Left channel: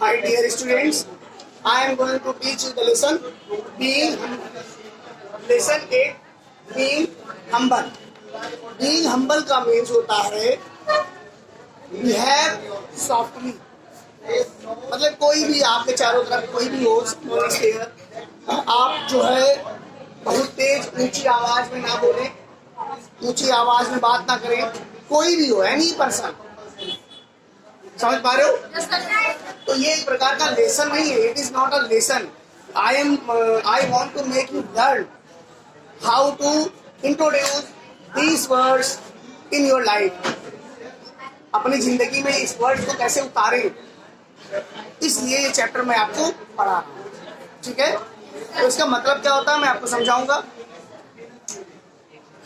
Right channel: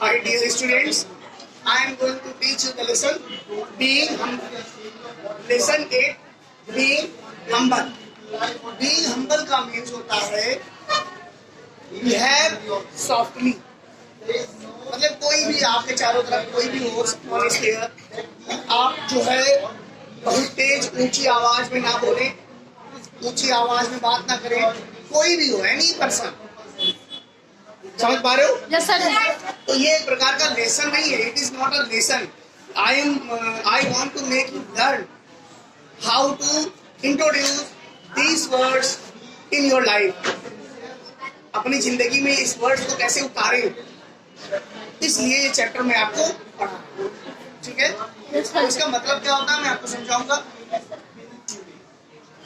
My dear students, I am going to teach you the lesson being humble. Lesson 8 being humble. Being humble का means होता है behave softly. मतलब कोई भी आपके चारों तरफ कोई भी हो, आप जो है बहुत तेज ऊंची आवाज में ना बोले, ऊंची आवाज में बात ना करें, कोई भी हो, एनी पर्सन. समझ पा रहे हो? Yes, sir. तो ये एक प्रकार का लेसन नहीं है. It is not a lesson. I want to make you learn how to introduce these words in your life. अपनी जिंदगी में इस वर्ड्स को कैसे उतारें, इसलिए ये चैप्टर मैं आपको पढ़ा रहा हूँ. ठीक है? तो इसका मतलब क्या होता है मैं आपको समझाऊंगा.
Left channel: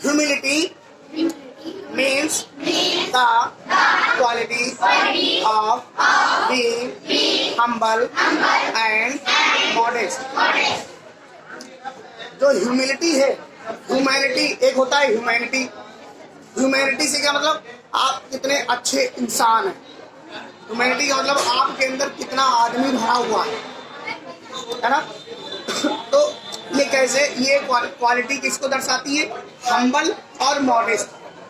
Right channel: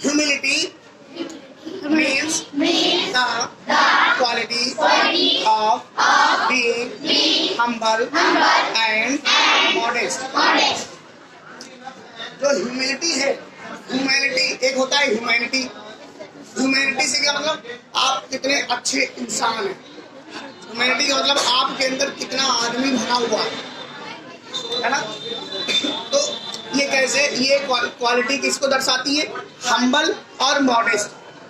Humility means the quality of being humble and modest. जो ह्यूमिलिटी है, ह्यूमैनिटी एक होता है ह्यूमैनिटी. ह्यूमैनिटी से क्या मतलब आप कितने अच्छे इंसान हैं. ह्यूमैनिटी का मतलब आपके अंदर कितना आदमी भरा हुआ है ना. तो ये कैसे, ये क्वालिटी किसको दर्शाती है? हम्बल और मॉडेस्ट.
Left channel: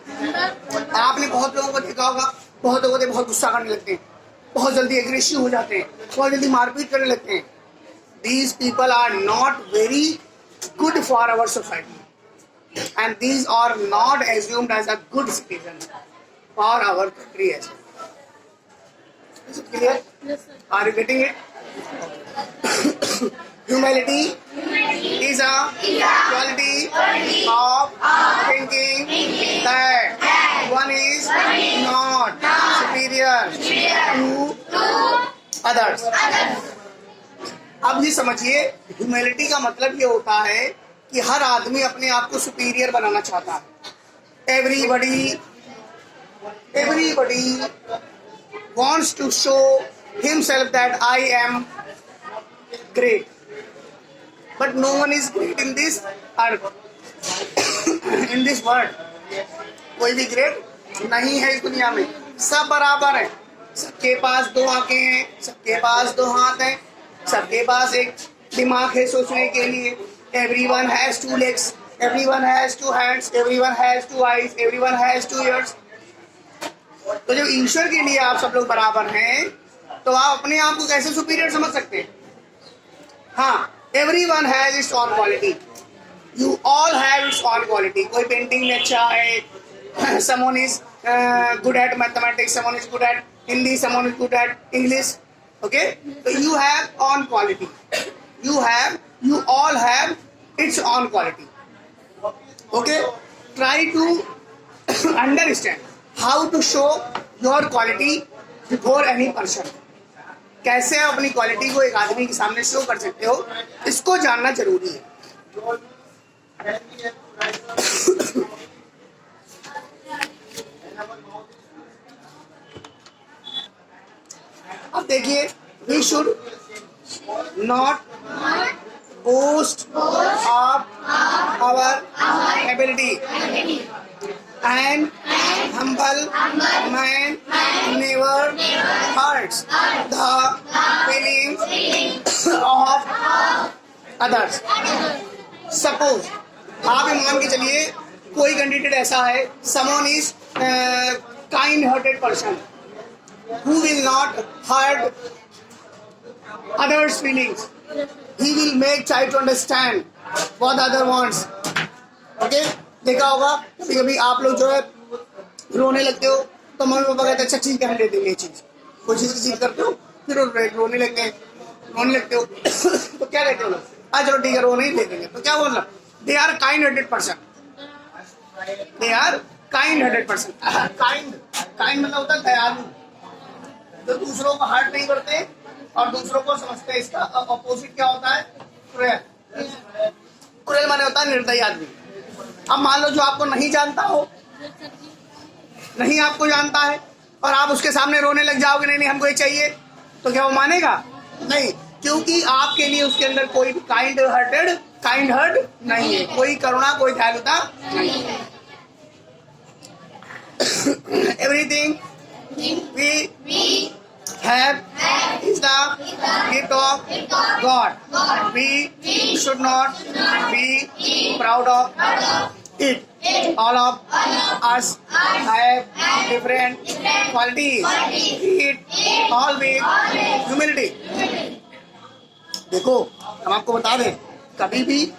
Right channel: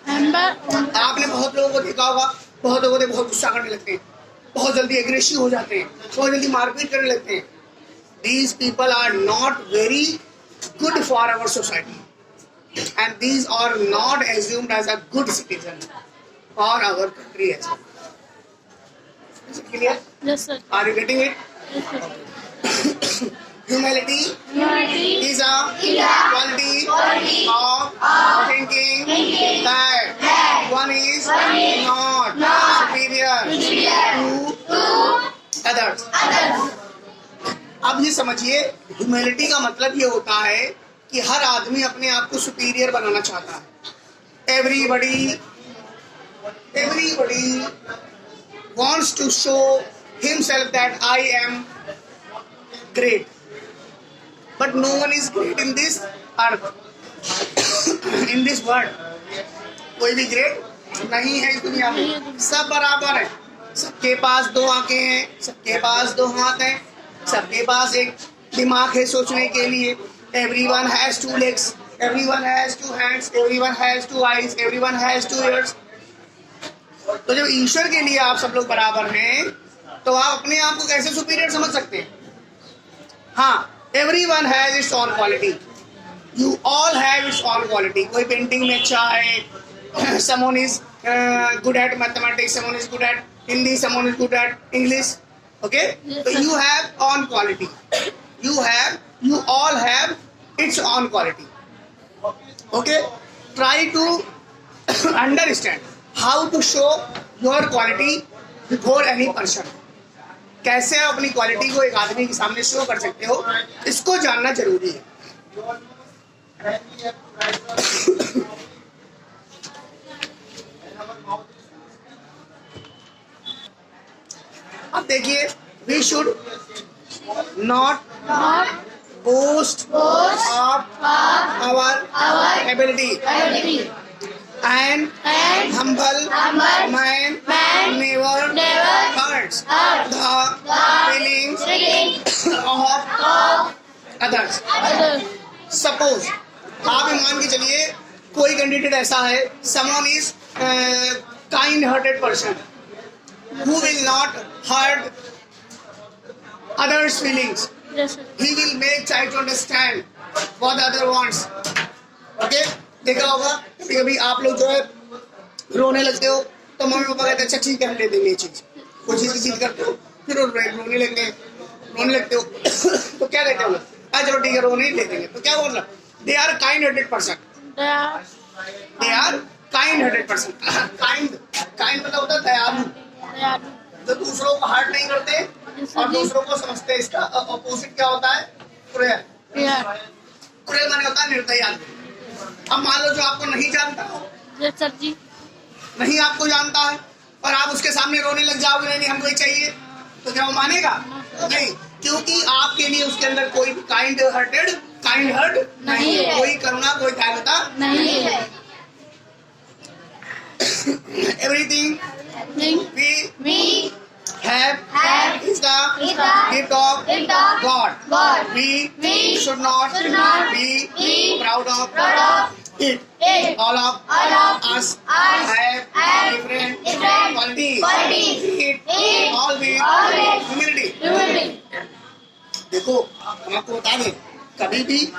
आपने बहुत लोगों को देखा होगा, बहुत लोगों को बहुत गुस्सा करने लगते हैं, बहुत जल्दी एग्रेसिव हो जाते हैं, बहुत जल्दी मारपीट करने लगते हैं. These people are not very good for our society and these are not assumed as a good citizen for our country as well. Clear? Yes, sir. Are you getting it? Humility is a quality of thinking that one is not superior to others. अब ये समझिए, humility का मतलब ये होता है कि हर आदमी अपने आप को सुपीरियर बनाना चाहता है. Everybody wants to show himself that I am great. But no one is great in this earth, in this world. कोई भी ग्रेट नहीं है इस दुनिया में. सब बराबर है. सबके पास दो आंखें हैं, सबके पास दो हाथ हैं, सबके पास एक दिमाग है सोचने के लिए. Everyone has two legs, everyone has two hands, everyone has two eyes, everyone has two ears. तो जब ईश्वर के लिए आप सब लोग बराबर हैं, तो आप अपने आप को कैसे सुपीरियर समझ सकते हैं? हाँ, everyone has its own quality. You all have its own quality. कोई पेंटिंग में अच्छा है, someone is good at mathematics, someone is good at Hindi, someone is good at English. Okay? So you have own quality. You all have its own quality. Okay? Try to understand how to show your quality before any person. कैसे आप अपनी quality को एक आदमी के सामने show कर सकते हो, इसको जानना जरूरी है. अब देखिए, we should not boast of our ability, and humble man never hurts the feelings of others. Suppose आप ये मान के चलिए कोई कैंडिडेट ऐसा है, someone is kind hearted person who will not hurt others feelings. Yes, sir. He will make try to understand what the other wants. Okay? देखा होगा कभी कभी आप लोग जो है रोने लगते हो, तो मम्मी पापा कहते हैं अच्छा ठीक है हम दे देंगे ये चीज. कोई चीज की चीज करते हो, फिर रोने लगते हो तो क्या कहते हो लोग? चलो ठीक है रोने ही दे देंगे. तो क्या मतलब? They are kind hearted person. They are kind hearted person. Kind मतलब होता है दयालु, जो दूसरों को हर्ट नहीं करते और दूसरों को समझते हैं. इसका अपोजिट क्या होता है? क्रूएल. क्रूएल माने होता है निर्दयी आदमी. अब मान लो जो आपको नहीं जानता हो, Yes, sir जी. नहीं आपको जानता है, और आप उसके सामने रोने लग जाओगे, नहीं हमको ये चाहिए, तो क्या वो मानेगा? नहीं, क्योंकि आपके लिए उसके अंदर कोई भी काइंड हर्ट नहीं है, कोई करुणा, कोई दयालुता नहीं है. Everything we have is the God. We should not be proud of it. All of us have different qualities. It all with humility. देखो हम आपको बता दें, कभी भी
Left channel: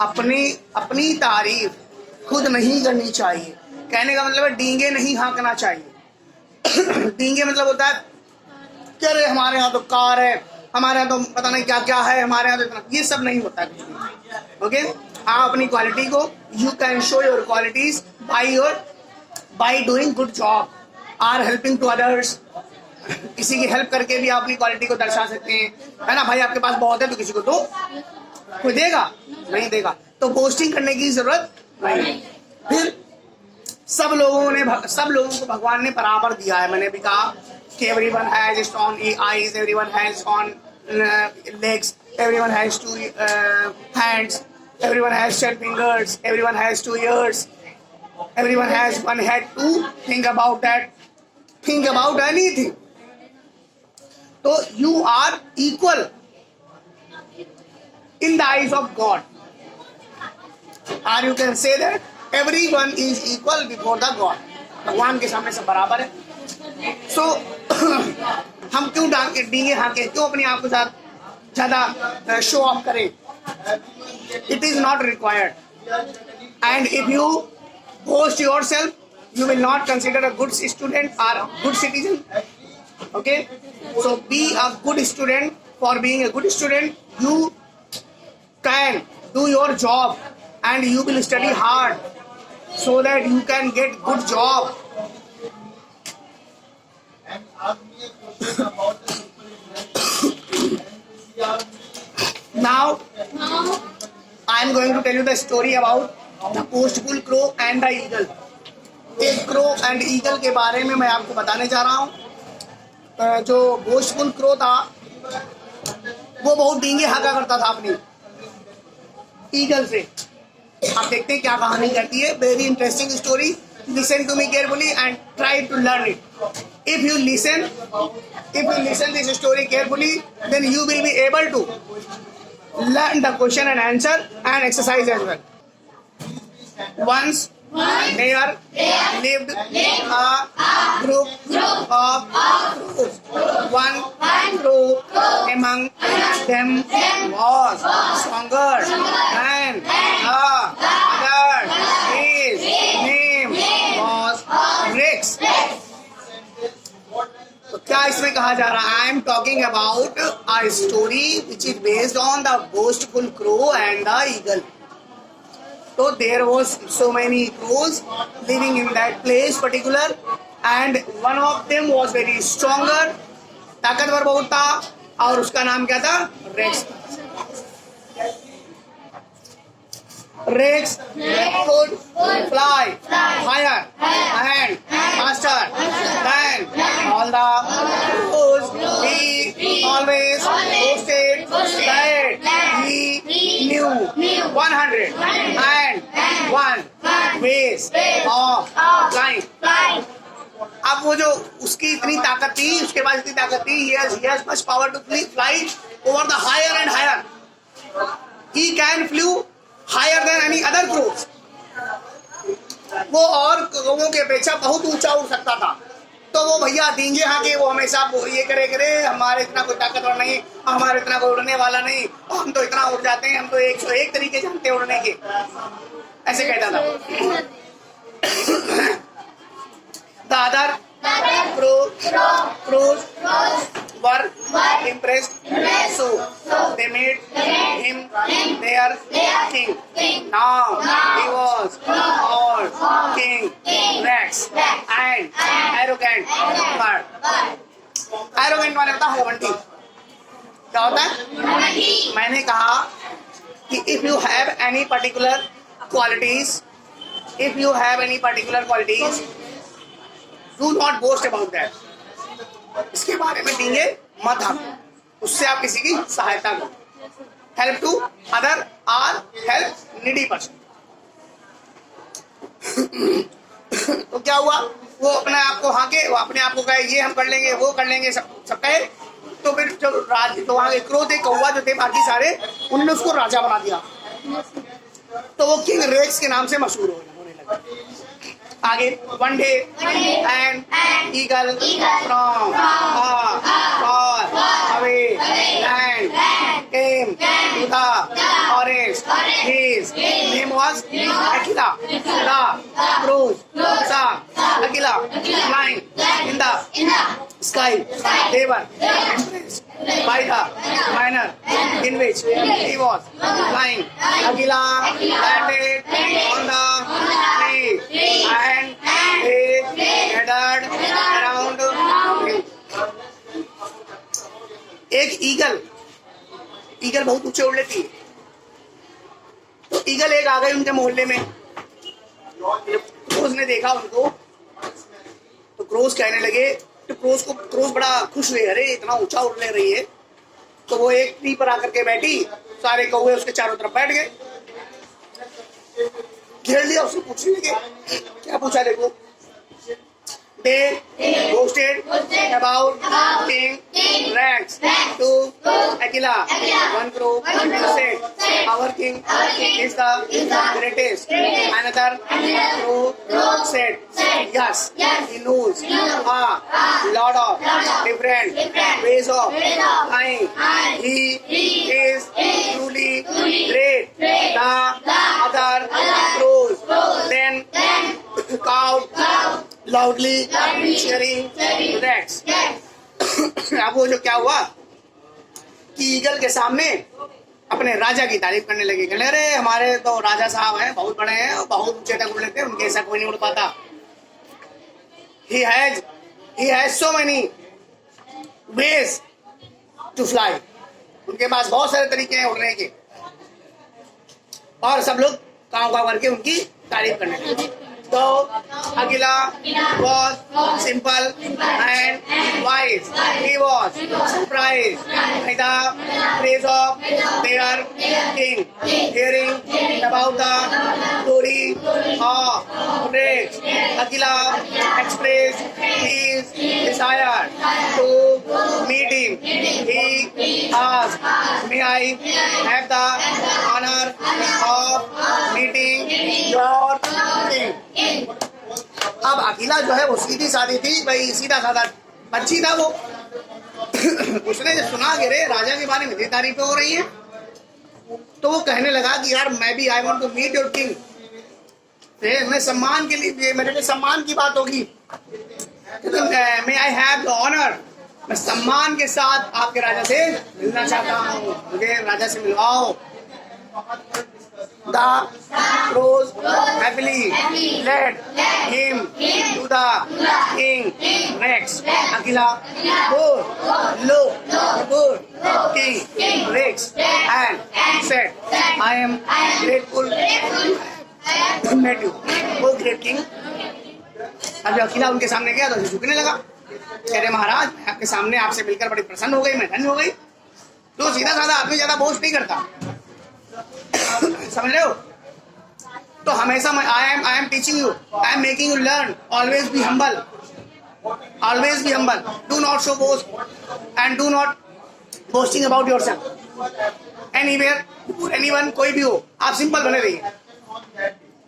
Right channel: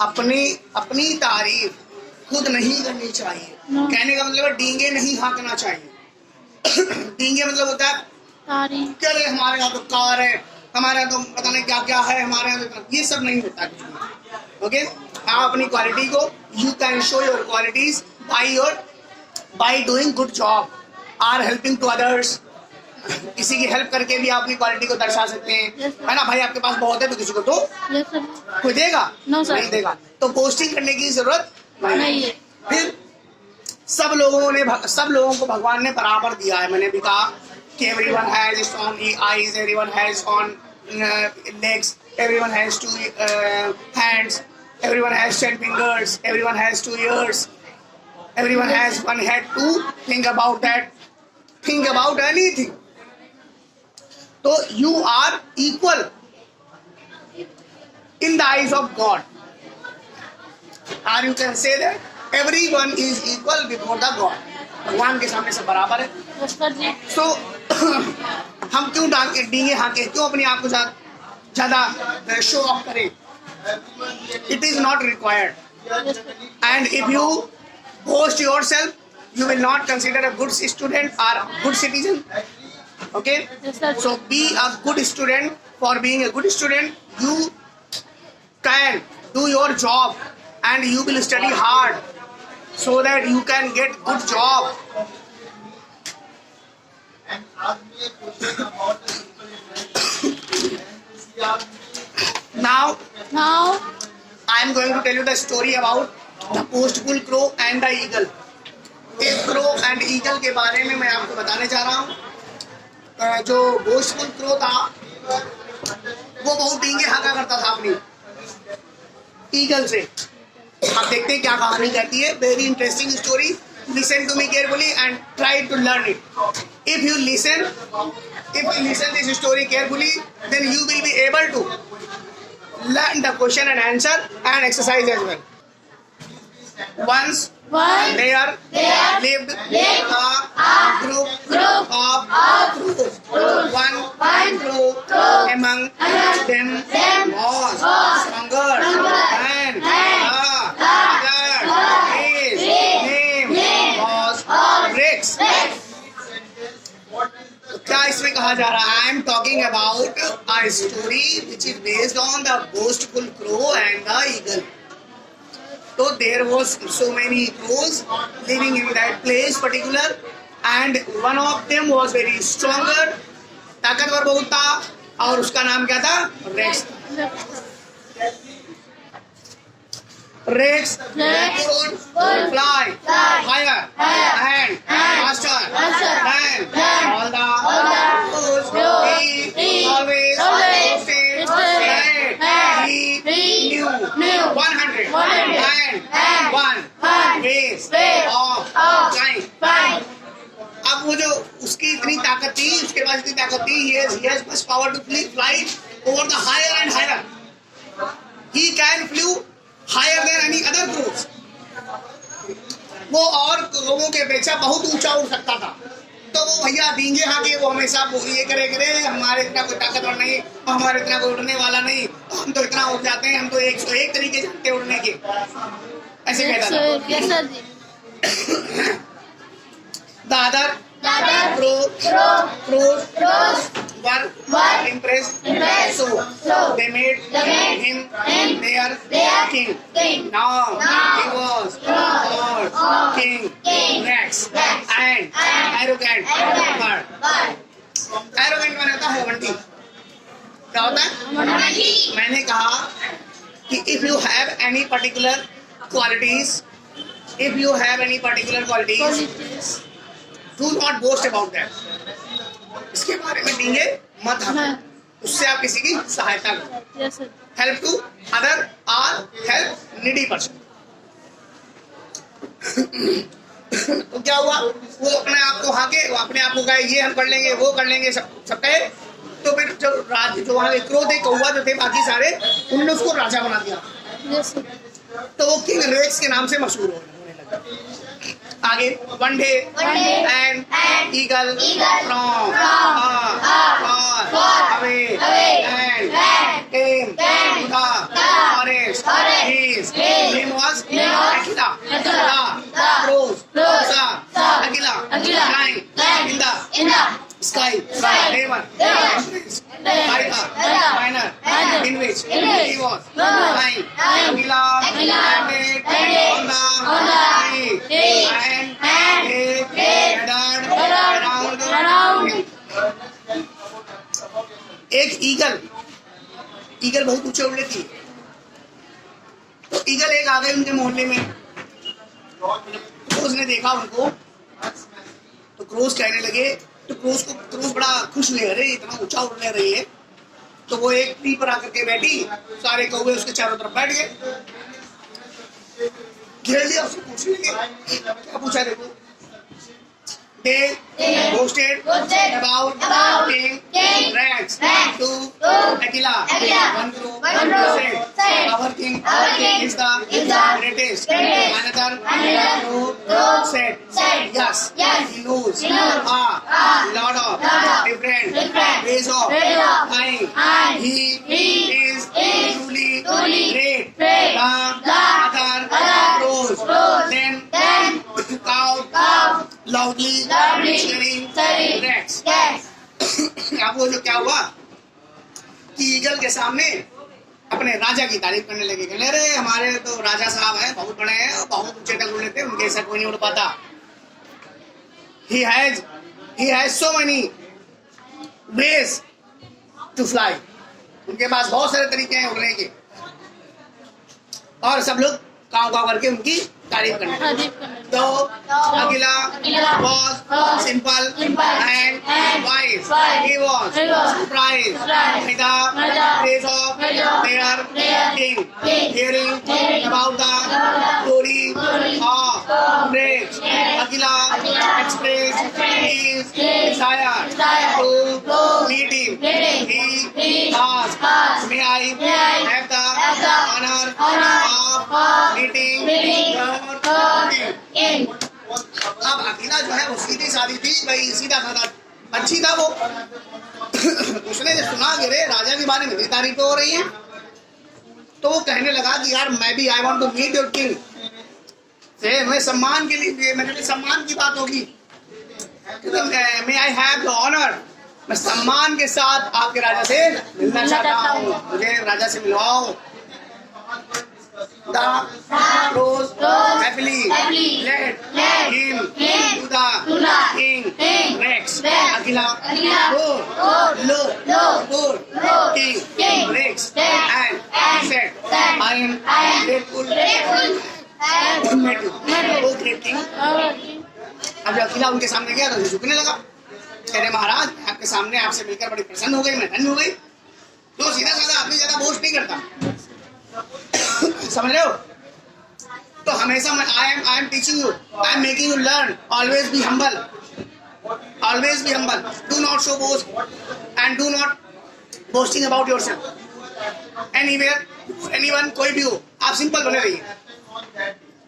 अपनी तारीफ खुद नहीं करनी चाहिए। कहने का मतलब है डींगे नहीं हाँकना चाहिए। डींगे मतलब होता है क्या रे हमारे यहाँ तो कार है, हमारे यहाँ तो पता नहीं क्या क्या है, हमारे यहाँ तो इतना, ये सब नहीं होता कुछ भी। ओके, आप अपनी क्वालिटी को, you can show your qualities by doing good job or helping to others. किसी की हेल्प करके भी आप अपनी क्वालिटी को दर्शा सकते हैं, है ना भाई? आपके पास बहुत है तो किसी को तो कोई देगा नहीं देगा, तो पोस्टिंग करने की जरूरत नहीं है। फिर सब लोगों को भगवान ने बराबर दिया है। मैंने भी कहा कि everyone has strong eyes, everyone has on legs, everyone has two hands, everyone has 10 fingers, everyone has 2 ears, everyone has 1 head to think about that, think about anything. So you are equal in the eyes of God, or you can say that everyone is equal before the God. भगवान के सामने सब बराबर है। So हम क्यों डींगे हाँके, क्यों अपने आप को ज्यादा शो ऑफ करें? It is not required. And if you boast yourself, you will not consider a good student or a good citizen. Okay? So be a good student. For being a good student, you can do your job and you will study hard so that you can get good job. Now I am going to tell you the story about the boastful crow and the eagle. एक crow and eagle के बारे में मैं आपको बताने जा रहा हूँ। जो बोस्टफुल क्रो था वो बहुत डींगे हाँका करता था अपनी ईगल से। आप देखते हैं क्या कहानी कहती है। Very interesting story. Listen to me carefully and try to learn it. If you listen this story carefully, then you will be able to learn the question and answer and exercise as well. Once there lived a group of crows. One crow among them was stronger than other. His name was Rex. तो क्या इसमें कहा जा रहा है? I am talking about a story which is based on the boastful crow and the eagle. तो there was so many crows living in that place particular and one of them was very stronger, ताकतवर बहुत था, और उसका नाम क्या था? Rex. Rex could fly higher and faster than all the crows. He always boasted that he knew 101 ways of flying. अब वो जो उसकी इतनी ताकत थी, उसके पास इतनी ताकत थी, he has much power to fly over the higher and higher. He can flew higher than any other crows. वो और कौवों के अपेक्षा बहुत ऊंचा उड़ सकता था। तो वो भैया डींगे हाँके वो हमेशा ये करे हमारे इतना कोई ताकतवर नहीं, हमारे इतना कोई उड़ने वाला नहीं, हम तो इतना उड़ जाते हैं, हम तो 101 तरीके जानते हैं उड़ने के, ऐसे कहता था। The other crows were impressed, so they made him their king. Now he was called King Rex, and arrogant bird. Arrogant माने होता है घमंडी। क्या होता है? मैंने कहा कि if you have any particular qualities, do not boast about that. इसके बारे में डींगे मत हाँको, उससे आप किसी की सहायता करो। हेल्प टू अदर और हेल्प नीडी पर्सन। तो क्या हुआ? वो अपने आप को हाँके, वो अपने आप को कहे ये हम कर लेंगे, वो कर लेंगे, सब कहे, तो फिर जो वहाँ के क्रो थे, कौवा जो थे, बाकी सारे, उन्होंने उसको राजा बना दिया। तो वो किंग रेक्स के नाम से मशहूर होने लगा। आगे, one day and eagle from far away land came to the forest. His name was Aquila. The crows saw Aquila flying in the sky. They were impressed by the manner in which he was flying. Aquila landed on the tree and they gathered around him. एक eagle बहुत ऊंचे उड़ लेती है। तो eagle एक आ गई उनके मोहल्ले में। क्रोज ने देखा उनको, तो क्रोज कहने लगे, तो क्रोज बड़ा खुश हुए, अरे इतना ऊंचा उड़ ले रही है। तो वो एक ट्री पर आकर के बैठी, सारे कौवे उसके चारों तरफ बैठ गए, घेर लिया, उससे पूछने लगे। क्या पूछा देखो। They boasted about King Rex to Aquila. One crow said, "Our king is the greatest." Another crow said, "Yes, he knows a lot of different ways of flying. He is truly great." The other crows then cawed loudly, cheering Rex. अब वो जो क्या हुआ कि eagle के सामने अपने राजा की तारीफ करने लगे। कहने अरे हमारे तो राजा साहब हैं, बहुत बड़े हैं और बहुत ऊंचे तक उड़ लेते हैं, उनके ऐसा कोई नहीं उड़ पाता। He has so many ways to fly. उनके पास बहुत सारे तरीके हैं उड़ने के। और सब लोग काव काव करके उनकी तारीफ करने लगे। तो Aquila was simple and wise. He was surprised by the praise of their king. Hearing about the glory of Rex, Aquila expressed his desire to meet him. He asked, "May I have the honor of meeting your king?" अब अकीला जो है वो सीधी सादी थी भाई, सीधा साधा बच्ची था वो। उसने जब सुना कि रे राजा के बारे में इतनी तारीफें हो रही हैं, तो वो कहने लगा कि यार मैं भी I want to meet your king. मैं सम्मान के लिए, मेरे लिए सम्मान की बात होगी। मे आई हैव द ऑनर, मैं सम्मान के साथ आपके राजा से मिलना चाहता हूँ, मुझे राजा से मिलवाओ। The crows happily led him to the king Rex. Aquila looked good King Rex and said, "I am grateful to meet you, oh great king." अब जब अकीला उनके सामने गया तो झुकने लगा, कह रहे महाराज आपके सामने आपसे मिलकर बड़ी प्रसन्न हो गई, मैं धन्य हो गई। तो सीधा साधा आदमी ज्यादा बोझ नहीं करता, समझ रहे हो। तो हमेशा I am teaching you, I am making you learn, always be humble, always be humble, do not show boast and do not boasting about yourself anywhere anyone, कोई भी हो, आप सिंपल बने रहिए।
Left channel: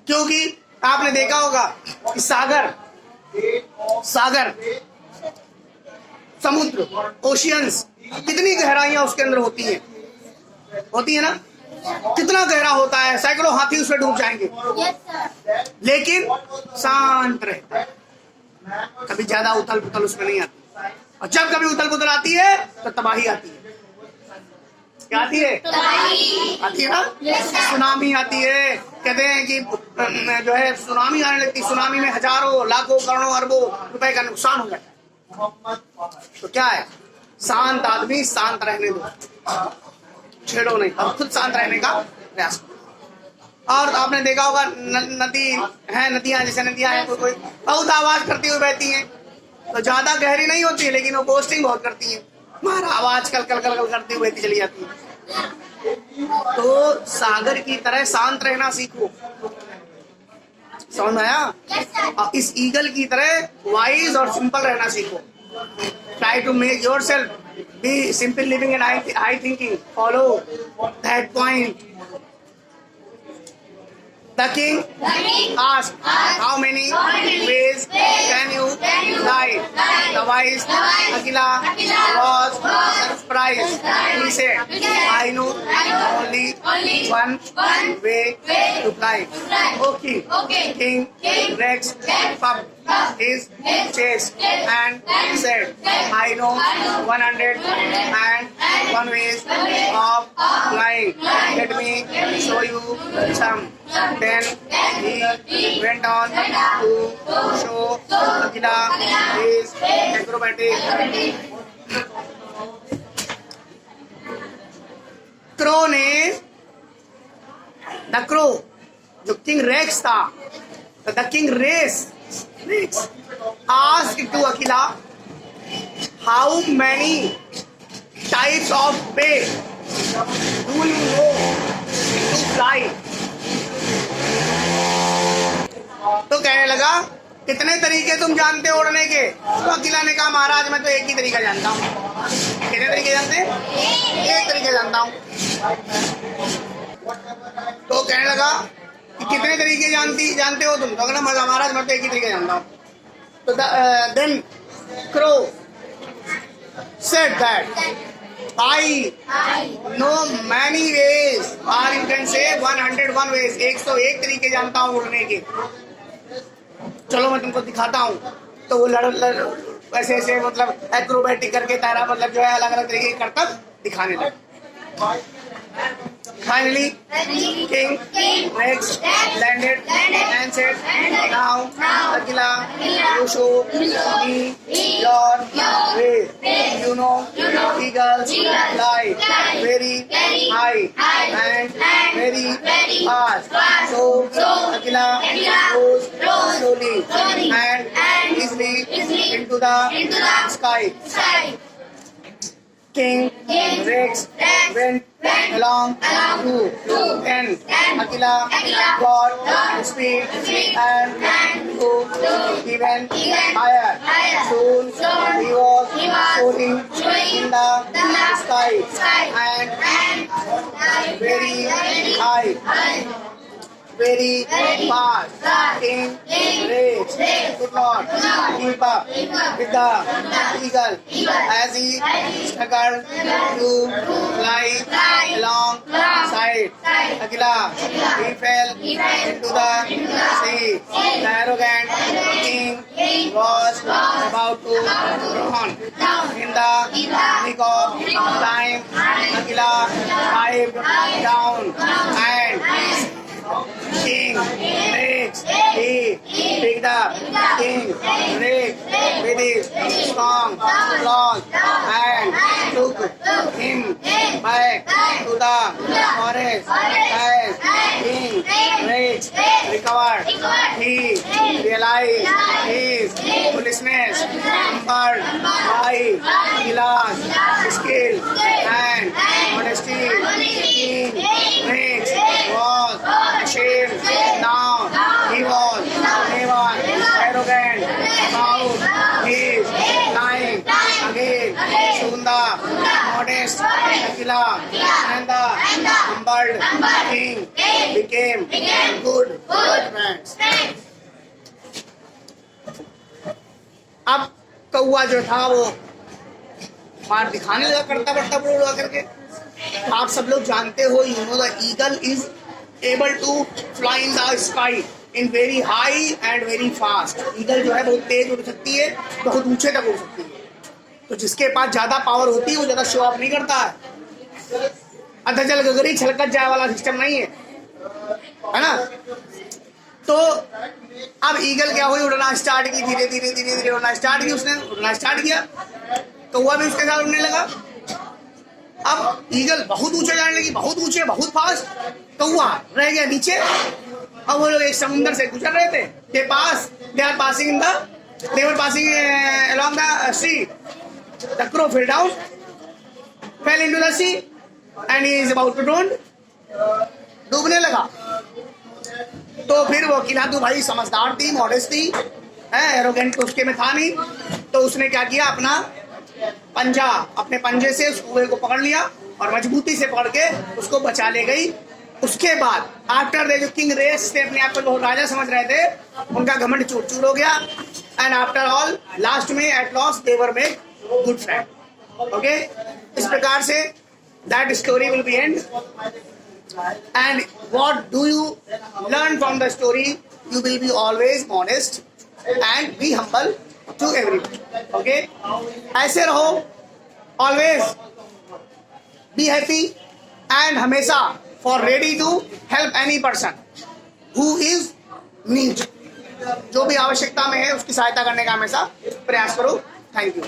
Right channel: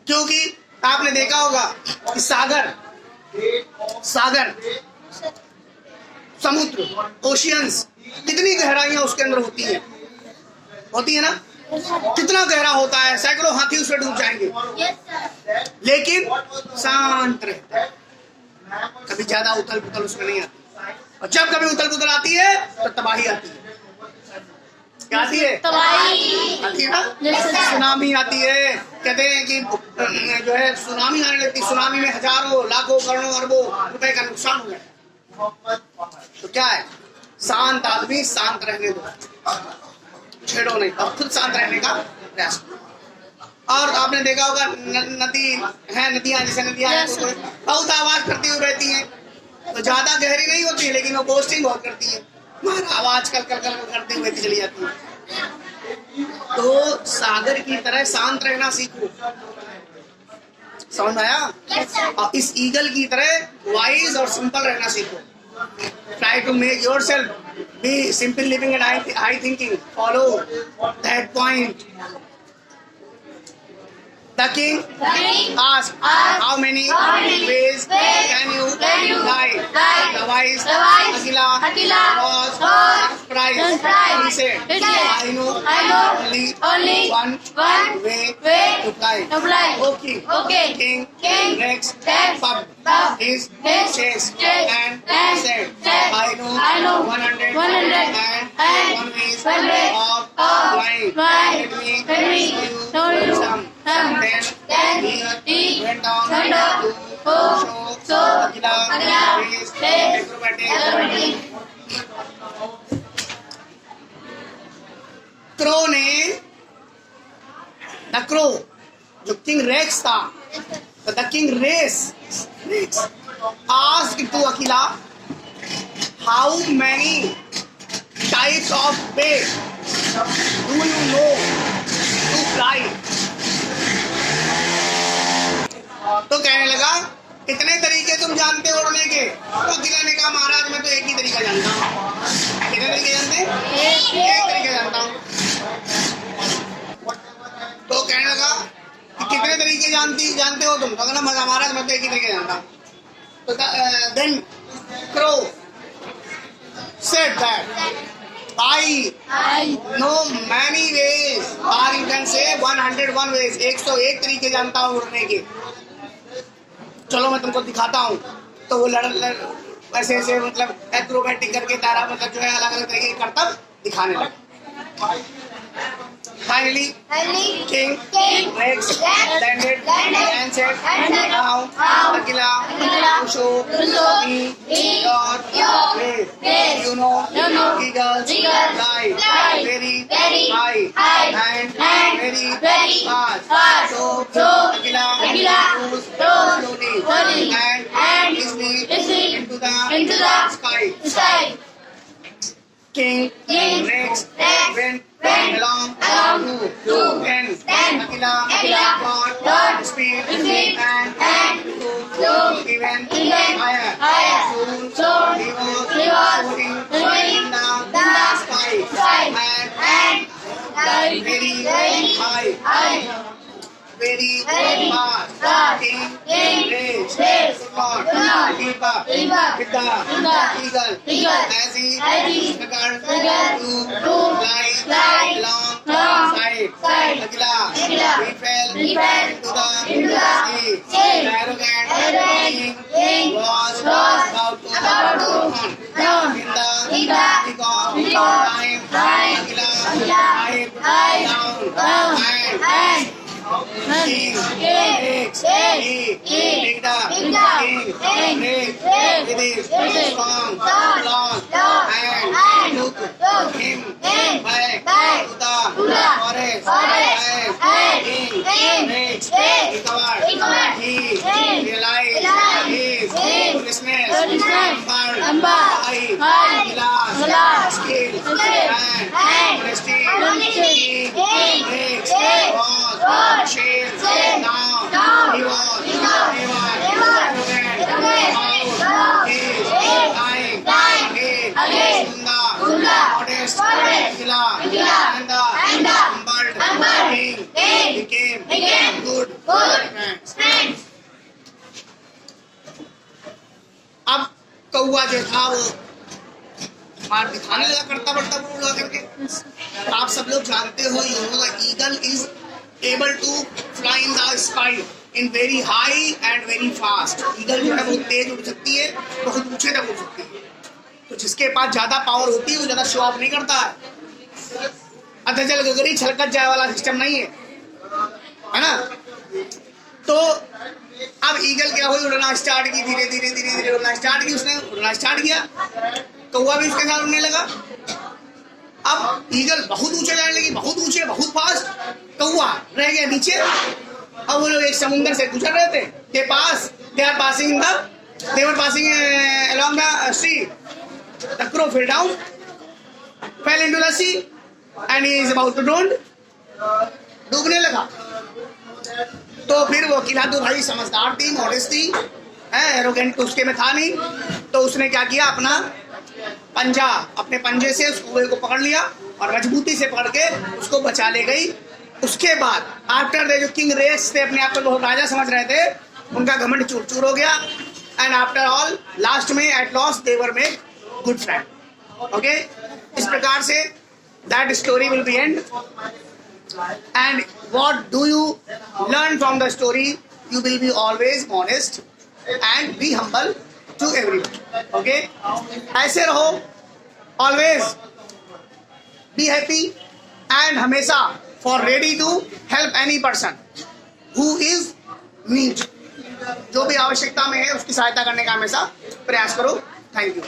क्योंकि आपने देखा होगा कि सागर समुद्र, ओशियंस, कितनी गहराइयां उसके अंदर होती है ना, कितना गहरा होता है, सैकड़ों हाथी उसमें डूब जाएंगे, लेकिन शांत रहता है, कभी ज्यादा उथल पुथल उसमें नहीं आती। और जब कभी उथल पुथल आती है तो तबाही आती है। क्या आती है? आती है ना, सुनामी आती है। कहते हैं कि जो है सुनामी आने लगती, सुनामी में हजारों लाखों करोड़ों अरबों रुपए का नुकसान हो जाता है। तो क्या है, शांत आदमी शांत रहने दो, छेड़ो नहीं, और खुद शांत रहने का प्रयास करो। और आपने देखा होगा नदियां जैसे नदियां हैं, कोई बहुत आवाज करती हुई बहती हैं, तो ज्यादा गहरी नहीं होती है, लेकिन वो बोस्टिंग बहुत करती है, हमारा आवाज कल कल कल कल करती हुई बहती चली जाती है। तो सागर की तरह शांत रहना सीखो, समझ में आया? और इस ईगल की तरह वाइज और सिंपल रहना सीखो। Try to make yourself Be simple living and high thinking. Follow that point. The king asked, how many ways can you lie? The wise Akila was surprised. He said, I know only one way to fly. Okay. King Rex puffed his chest and said, I know 101 ways of flying. Let me show you some. Then he went on to show Akila his acrobatic ability. Crow ने the crow जो king Rex था the king Rex asked to Akila how many types of bird do you know to fly. तो कहने लगा कितने तरीके तुम जानते हो उड़ने के? तो अकीला ने कहा महाराज मैं तो एक ही तरीका जानता हूँ. कितने तरीके जानते हैं? एक तरीका जानता हूँ. तो कहने लगा कि कितने तरीके जानते हो तुम? तो कहना महाराज मैं तो एक ही तरीके जानता हूँ. तो then crow said that I know many ways, or you can say 101 ways. 101 तरीके जानता हूँ उड़ने के. चलो मैं तुमको दिखाता हूँ. तो वो ऐसे ऐसे मतलब एक्रोबैटिक करके तारा मतलब जो है अलग अलग तरीके के करतब दिखाने लगा. Finally, King Rex landed and said, now Akila, you show me your way. You know, eagles fly very high and very fast. So Akila goes slowly and easily into the sky. King Rex went along too. Then Akila got speed and flew even higher. Soon he was soaring in the sky and very high. Very fast. King Rex could not keep up with the eagle as he struggled to fly alongside Akila. He fell into the sea. The arrogant king was about to drown. In the nick of time, Akila dived down and King Rex, he picked up King Rex with his strong claws and took him back to the forest. As King Rex recovered, he realized his foolishness, humbled by Akila's skill and honesty. King Rex was ashamed. Now he was never arrogant about his lying again. Soon the modest Akila and the humbled king became good friends. अब कौआ जो था वो मार दिखाने लगा करता बढ़ता उड़ा करके. आप सब लोग जानते हो, you know the eagle is able to fly in the sky in very high and very fast. Eagle जो है बहुत तेज उड़ सकती है, बहुत ऊंचे तक उड़ सकती है. तो जिसके पास ज्यादा पावर होती है वो ज्यादा शो ऑफ नहीं करता है. अधजल गगरी छलकत जाए वाला सिस्टम नहीं है, है ना. तो अब ईगल क्या हुई, उड़ना स्टार्ट की. धीरे धीरे धीरे धीरे उड़ना स्टार्ट की. उसने उड़ना स्टार्ट किया, कौवा भी उसके साथ उड़ने लगा. अब ईगल बहुत ऊंचे जाने लगी, बहुत ऊंचे, बहुत फास्ट. कौवा रह गया नीचे. अब वो लोग एक समुंदर से गुजर रहे थे. They were passing along the sea. The crow fell down, fell into the sea, and he is about to drown. डूबने लगा. तो फिर वो अकीला तो भाई समझदार थी, मॉडेस्ट थी, एरोगेंट तो उसके में था नहीं. तो उसने क्या किया, अपना पंजा, अपने पंजे से उस कुएं को पकड़ लिया और मजबूती से पकड़ के उसको बचा ले गई। उसके बाद आफ्टर दे, जो किंग रेस थे, अपने आप को बहुत राजा समझ रहे थे, उनका घमंड चूर चूर हो गया। एंड आफ्टर ऑल लास्ट में eight lost they were make good friend. Okay, इस प्रकार say that story will be and. And what do you learn from the story? You will be always honest and be humble to everyone. Okay? ऐसे रहो, always be happy and हमेशा for ready to help any person who is need. जो भी आवश्यकता में है उसकी सहायता करने का हमेशा प्रयास करो। Thank you.